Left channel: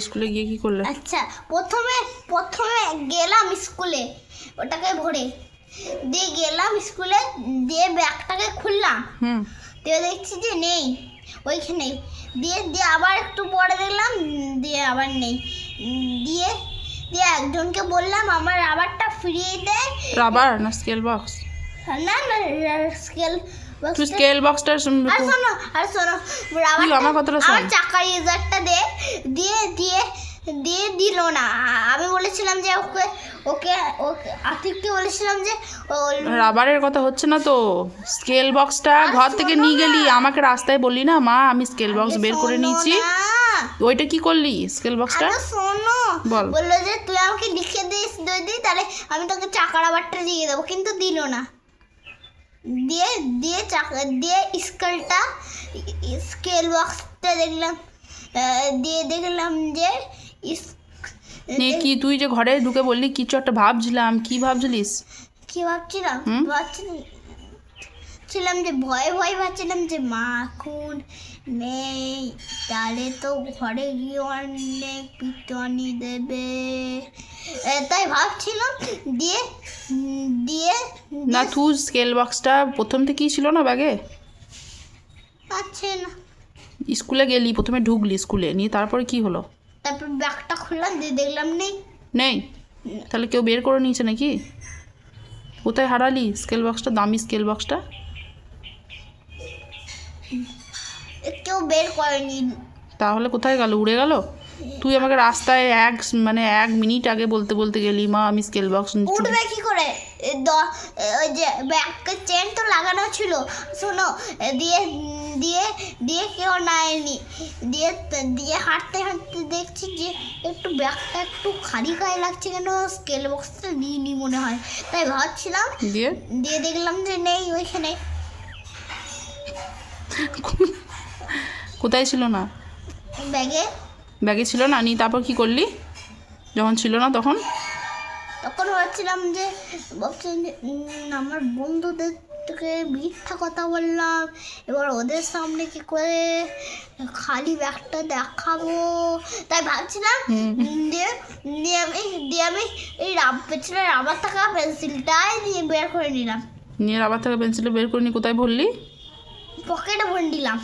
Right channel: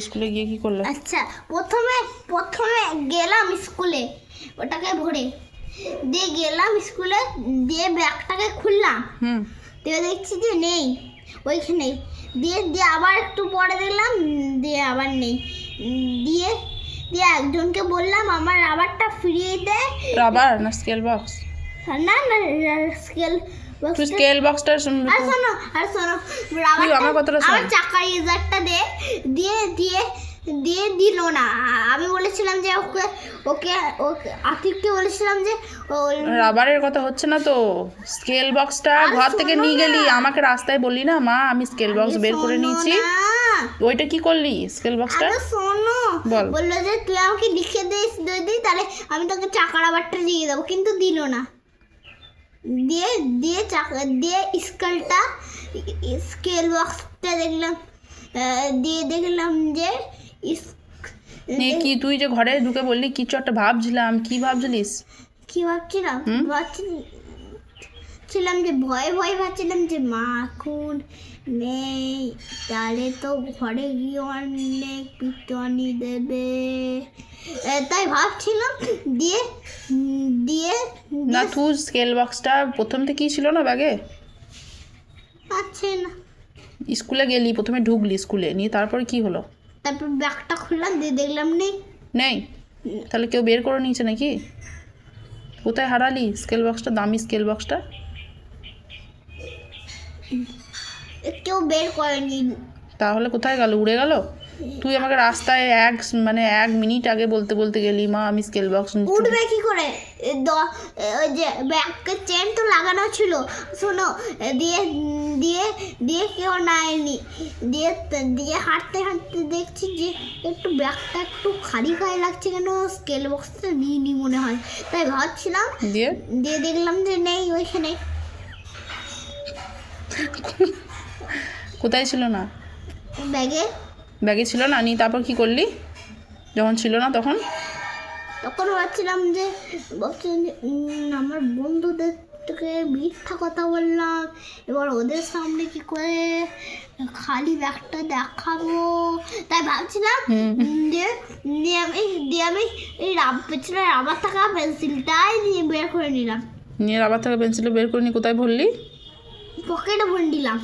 স্কুলে গিয়ে কি করলে? আচ্ছা, প্রথমে প্রথমে গেলাম স্কুলে, ওটাকে ভরে দিয়ে গেলাম স্কুলে, দিয়ে ব্যাগটাকে খুললাম, দিয়ে দেখছি যে নেই ওইখানে, দিয়ে দিয়ে আবার একটু পরে দেখলাম, দিয়ে আবার নেই, দিয়ে দিয়ে একজনকে বললাম আমার রাবারটা ফিরিয়ে দেয়। রাবার না স্কেল বক্স? না না, স্কেল তুই স্কেল বক্সটা আর শোনো রাবারটা আমার কথাটা শোন। আমার চাকার ইজারটা দিয়ে দিয়ে দিয়ে দিল না। আমি বলেছিলাম যে ওকে ওকে ওকে আতিককে বলেছিলাম যে রাবারের কথা হচ্ছে না তো, স্কেল বক্সটা ঘর থেকে নিয়ে গেলি, আমাকে রাস্তায় বললি না মা আমি স্কেল বক্স বের করে নিয়েছি, ওইটা কি করলি স্কেল বক্সটা? শোনো, বল। বললো যে তুই আমাকে লিখে দিই তাহলে আমি তোকে চাকা রাবারটা দিয়ে দেবো, কিন্তু দিল না। দিয়ে দিয়ে চাকা দিয়ে স্কেল বক্সটা দেখলাম, দিয়ে দেখলাম যে কি তুই যে ঘরে ঢুকে বললি কিছু একটা ভাবছিলাম, কি ভাবছিলিস? কি ভাবছিলাম ভাবছিলাম যে ভয়ে ভাবছিলাম যে মা এখন নেই, তাহলে তো ঘরে গিয়ে অনেক পিটনি দেবে, তাই ভাবছিলাম। দিয়ে দিয়ে না তুই স্কেল বক্সটা প্রথম থেকেই ছিল না ব্যাগে? আছে না, স্কুলে গেলি, প্রথমে ঢুকলি স্কুলে, নিয়ে তারপরে কি হলো? তারপর ব্যাগটা খুললাম, দিয়ে দেখলাম নেই। নেই? তাহলে কেউ বের করে নিয়েছে নাকি? কোথায় হারালি স্কেল বক্সটা, দামি স্কেল বক্সটা? কেউ বের করেনি। তাহলে কোথায় গেল, উড়ে গেল? তুই আমাকে রাস্তায় এক মিনিট আগে বলতে বলতে গেলি মা আমি স্কেল বক্স নিচ্ছি। উঠবে কি করে? ওই যে ব্যাগের চেন তো লাগানো ছিল, শোনো, দিয়ে দিয়ে দিয়ে কেউ নেয়নি। দিয়ে দিয়ে হাঁটতে হাঁটতে দেখছি যে একটু ব্যাগটা একটু খালি খালি লাগছে, কেন স্কেল বক্সটা নিয়ে মনে হয়, তাই ভাবছিলাম। দিয়ে দিয়ে দেখলাম যে নেই ওইখানে। কোথায় ছিল না? ব্যাগে ছিল না, নিয়ে তারপর কি করলি যখন ছিল না? তখন ভাবছিলাম যে আমার বন্ধুদের থেকে মিথ্যা কথা বললাম, এবার ওদের সামনে কি করে খালি ব্যাগটা দেখাবো, তাই ভাবছিলাম। দিয়ে দিয়ে আমি এই পেছনে রাবার থাকা পেন্সিলটাই নিয়ে বের করে নিলাম। নিয়ে রাবার থেকে পেন্সিলে বের করে নিয়ে কোথায় ভরলি? পকেটে ভরে দিলাম।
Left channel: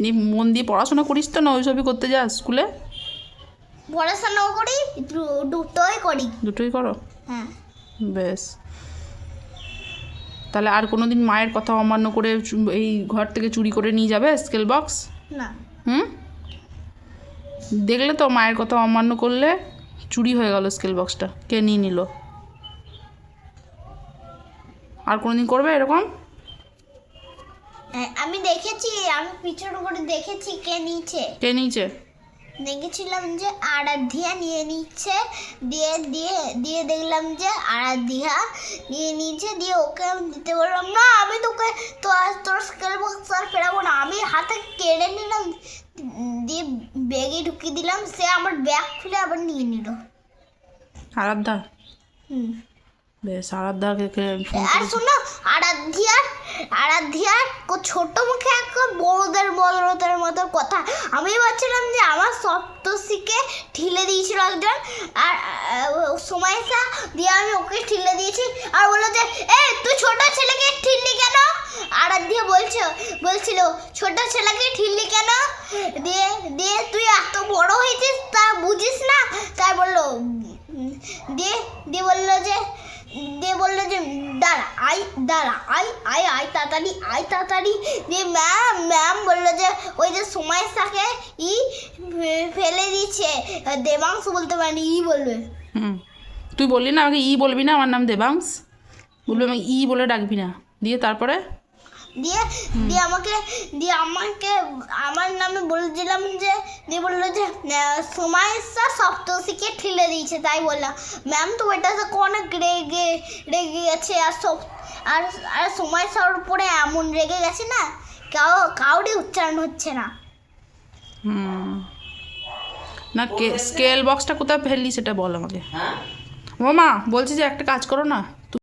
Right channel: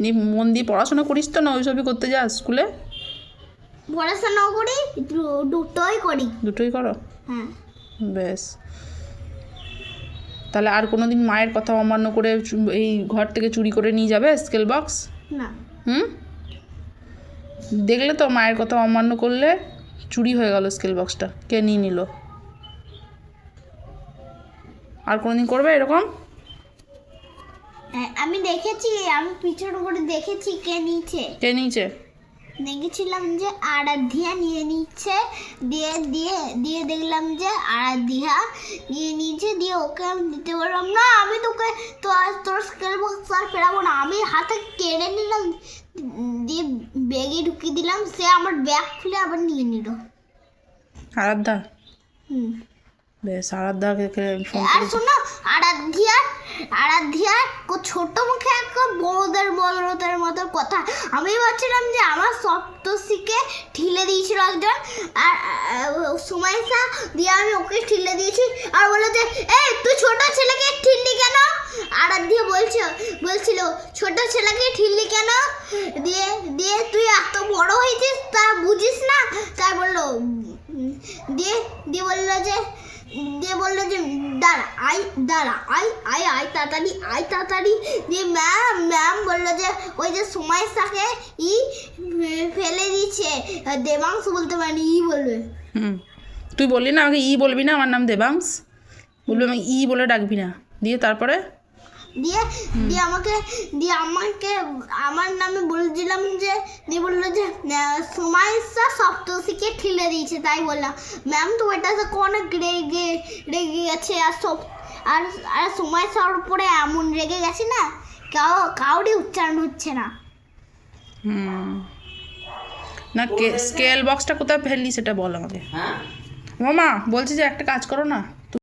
নিয়ে মন দিয়ে পড়াশোনা করিস তো না, ওইসবই করতে যাস স্কুলে? পড়াশোনাও করি, দুটোই করো? হ্যাঁ। বেশ, তাহলে আর কোনো দিন মায়ের কথা অমান্য করে এই ঘর থেকে চুরি করে নিয়ে যাবে স্কেল বক্স? না। দেখলে তো মায়ের কথা অমান্য করলে চুরি হয়ে গেল স্কেল বক্সটা, কে নিয়ে নিল? আর কোনো দিন করবে এরকম? আমি দেখেছি, আমি পিছনে করে দেখেছি কে নিয়েছে। দেখেছিলাম যে আরাধ্যা নিয়ে নিচ্ছে, দিয়ে দিয়ে দিয়ে দেখলাম যে আরাধ্যা নিয়ে নিচ্ছে, দিয়ে ওকে আমি দিতে বললাম না আমি তোকে তোর স্কেল বক্স আর ফেরাবো না, আমি হাতে কেড়ে নিলাম, দিয়ে ব্যাগে ঢুকিয়ে দিলাম, সে আমার ব্যাগ খুলে আবার নিয়ে নিল। আরাধ্যা? বেশ, আরাধ্যাকে ফোন আর শোনো, আরাধ্যার ছোট মুখে এক বড়দের মতো কথা। আমি ভাবছিলাম যে আমার সপ্তর্ষিকে ঠিলে দিয়েছিল একজন, আর সুমাইসা, দিয়ে আমি ওকে ঠিলে দিয়েছি, আর বললো যে এই তুই ছোট ছেলেকে ঠিললি কেন? আরাধ্যা বলছিল ছোট ছেলেকে ঠিললি কেন? দিয়ে দিয়ে তুই এত বড় হয়েছিস তা বুঝিস না? তাই বললো। দিয়ে দিয়ে বললো যে দাঁড়া আয় তাড়াতাড়ি। দিয়ে ম্যাম বললো যে ওই যে সুমাইসাকে ফেলে দিচ্ছে, দেবাংশ বলতে পারেনি, বলবে। তুই বললি না আমাকে বলবি না, আমার নাম দেবাংশ, বলবি আমাকে বলে ডাকবি না। দিয়ে তারপরে দিয়ে আমাকে আমার নামে বলছিলাম যে, দিয়ে বললো যে সুমাইসা সপ্তর্ষিকে ঠিলে দিয়েছে, তাই বললাম। ম্যাম তো ওইটা অনেক রেগে গেছে, আর সুমাইসার উপরে এমন রেগে গেছে না, কাউরই উচ্চারণ হচ্ছে না। না স্কেল বক্সটা কোথায় ফেললি সেটা বল আমাকে। ও মা, বলছি যে একটা কাজ করো না,